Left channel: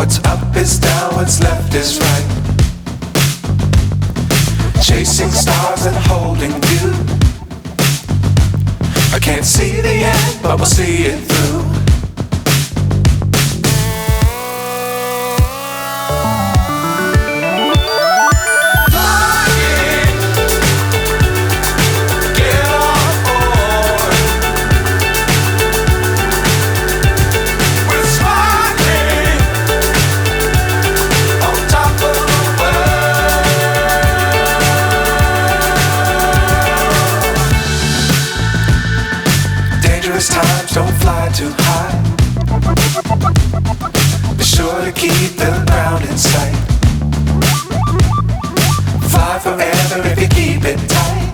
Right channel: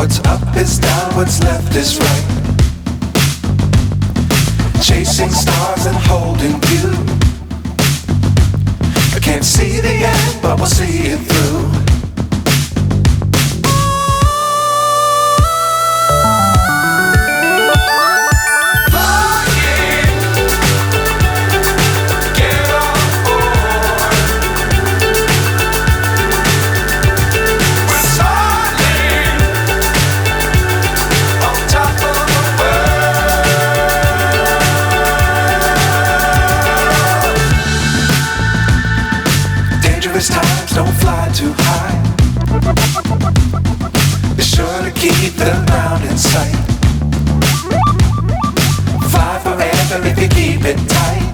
What's up is down, what's left is right. Chasing stars and holding you. I can't see the end, but we'll see it through. Times don't fly too high. Be sure to keep the ground in sight. Fly forever if you keep it tight.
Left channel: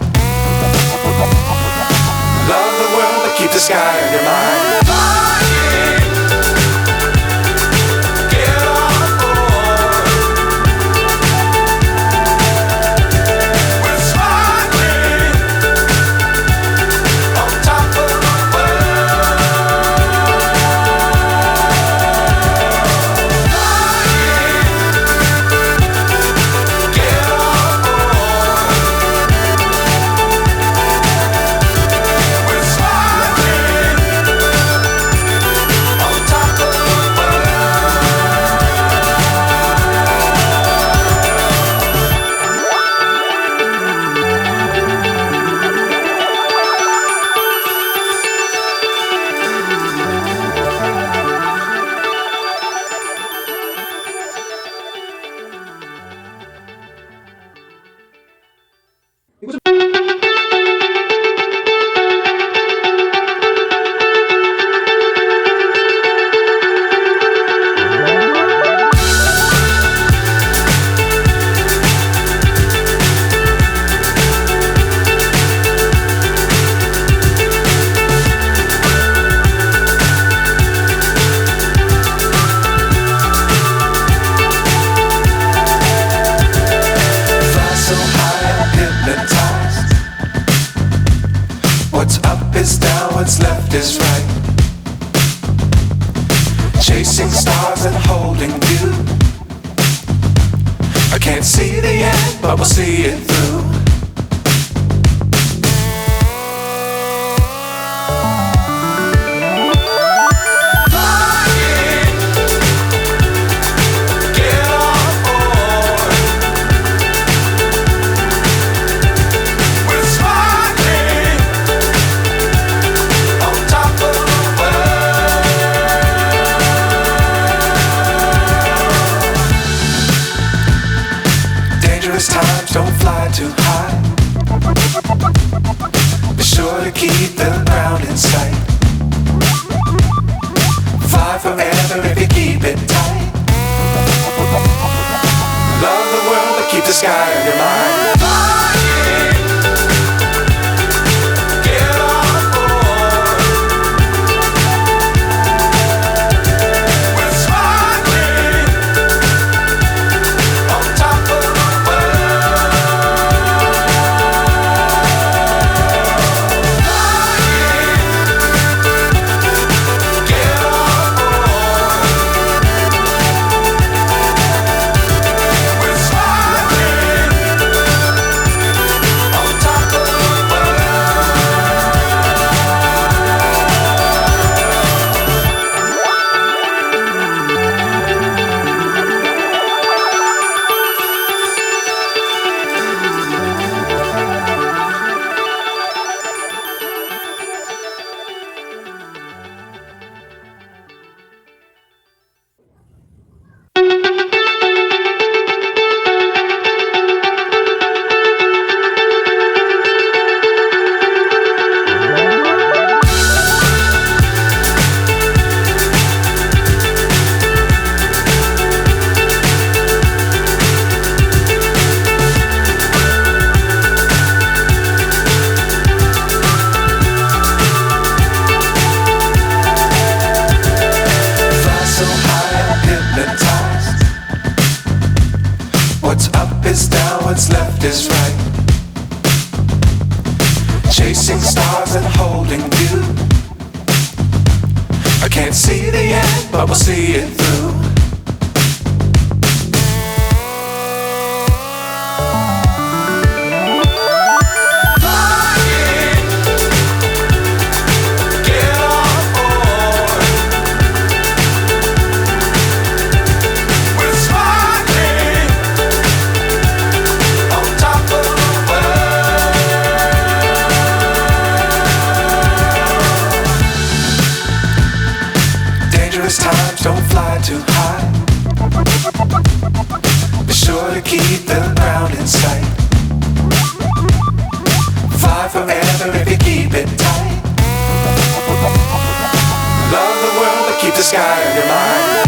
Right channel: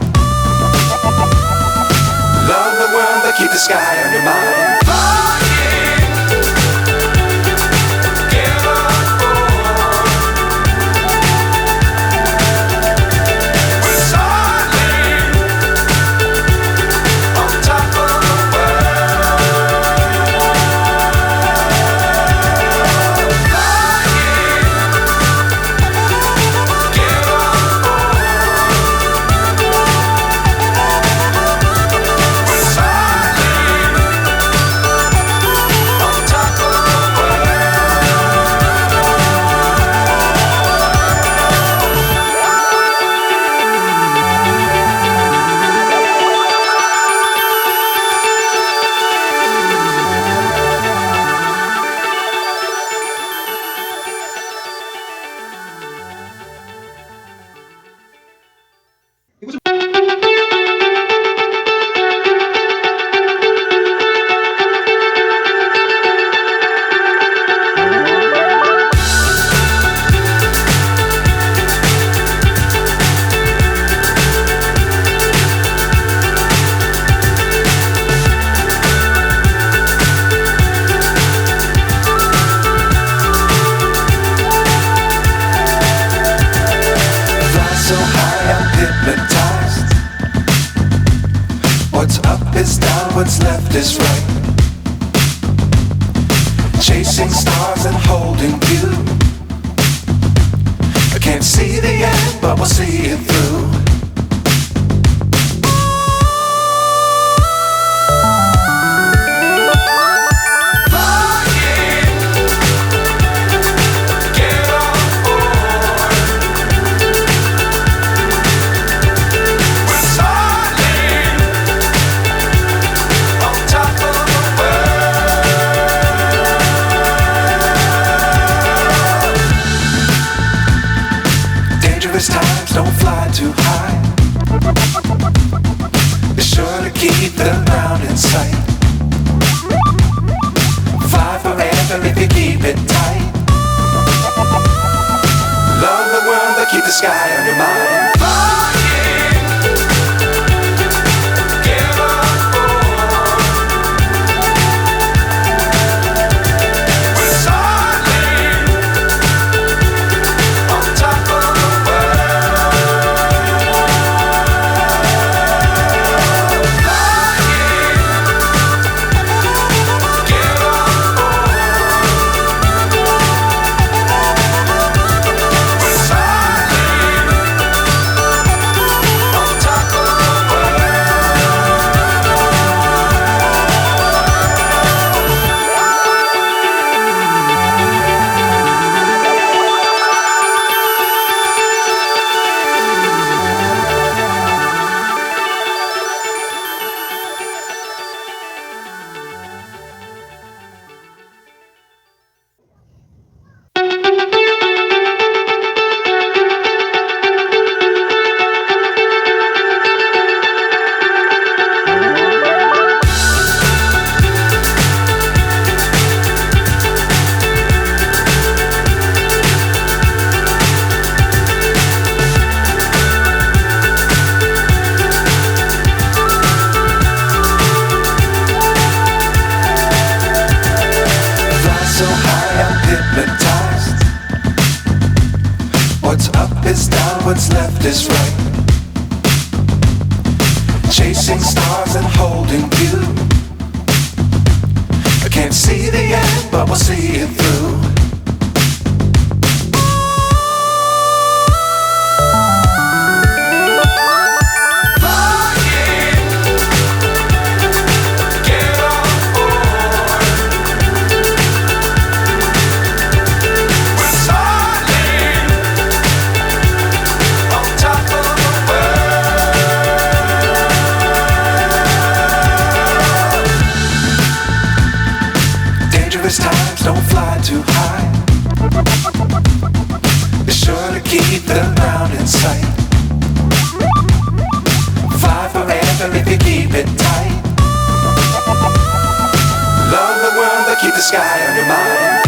Love the world but keep the sky on your mind. So high I'm hypnotized. What's up is down, what's left is right. Chasing stars and holding you. I can't see the end, but we'll see it through. Times don't fly too high. Be sure to keep the ground in sight. Fly forever if you keep it tight. Love the world but keep the sky on your mind. So high I'm hypnotized. What's up is down, what's left is right. Chasing stars and holding you. I can't see the end, but we'll see it through. high. Be sure to keep the ground in sight. Fly forever if you keep it tight. Love the world but keep the sky on your mind.